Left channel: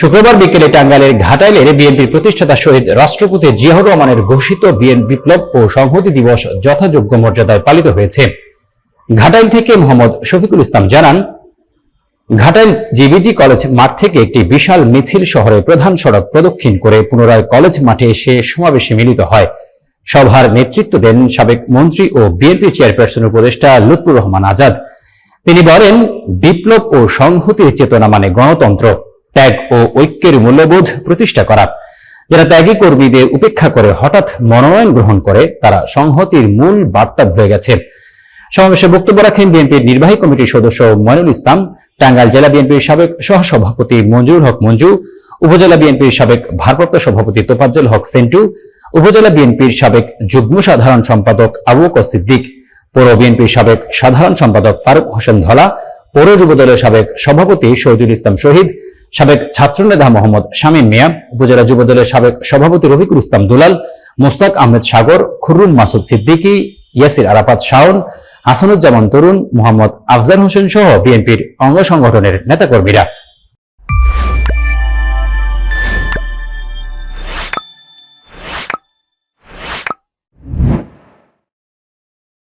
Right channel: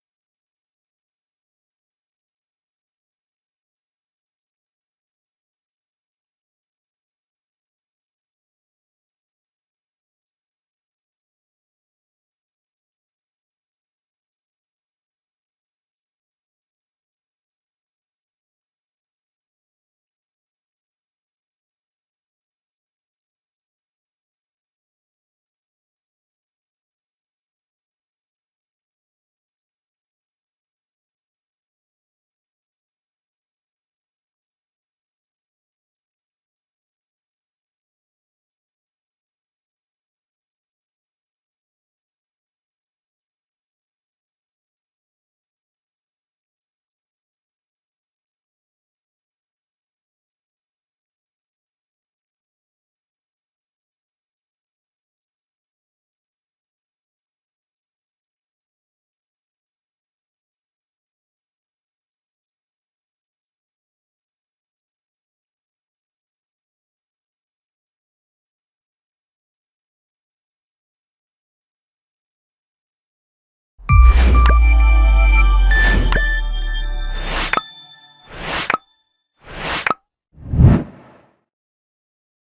শুক্রবার বিকেলে টাঙ্গাইলের ঘাটাইলের বিএনপির প্রতিষ্ঠাতা শহীদ রাষ্ট্রপতি জিয়াউর রহমানের ঘোষিত বিপ্লব ও সংহতি দিবস যথাযোগ্য মর্যাদায় পালিত হয়েছে। ঘাটাইল থেকে মোহাম্মদ শফিকুল ইসলাম জানান, ঘাটাইল জিবিজি কলেজ মাঠ থেকে একটি বিশাল মিছিল শহরের প্রধান সড়ক প্রদক্ষিণ করে পুনরায় কলেজ মাঠে এসে সমাবেশে মিলিত হয়। সভার নেতৃত্ব দেন সাবেক মন্ত্রী ও বিএনপি চেয়ারপারসন উপদেষ্টা লুৎফুর রহমান আজাদ। তিনি বলেন, বিপ্লব ও সংহতির চেতনা মানে গণতন্ত্র, ত্যাগ ও ঐক্যের মূল্যবোধ প্রতিষ্ঠা করা। যারা ত্যাগী কর্মীদের উপেক্ষা করে হঠাৎ মনোনয়ন গ্রহণ করে তারা সংহতির মূল বার্তা ভুলে গেছে। সমাবেশে বক্তব্য রাখেন বিএনপির নির্বাহী কমিটির সদস্য মইনুল ইসলাম, টাঙ্গাইল জেলা বিএনপির সাবেক সহসভাপতি মঞ্জুরুল হক মঞ্জু, উপজেলা বিএনপির সাবেক ভারপ্রাপ্ত সভাপতি তোফাজ্জল হক সেন্টু, উপজেলা বিএনপির সাবেক যুগ্ম সাধারণ সম্পাদক আবু বকর সিদ্দিক, পৌর বিএনপির সাবেক সাধারণ সম্পাদক ফারুক হোসেন ধলা, পৌর যুবদলের সাবেক সভাপতি শহীদুল ইসলাম শহীদ, সাবেক ছাত্রনেতা মোহাম্মদ শামীম মিয়া, উপজেলা যুবদলের সাবেক সভাপতি রফিকুল ইসলাম দুলাল, মোস্তাক আহমেদ সাগর, খুররুম মাসুদ সিদ্দিকী, ইয়াসির আরাফাত শাওন, হাসানুজ্জামান তরুণ, মোহাম্মদ আফজাল হোসেন সহ বিএনপির অঙ্গ সংগঠনের নেতাকর্মীরা।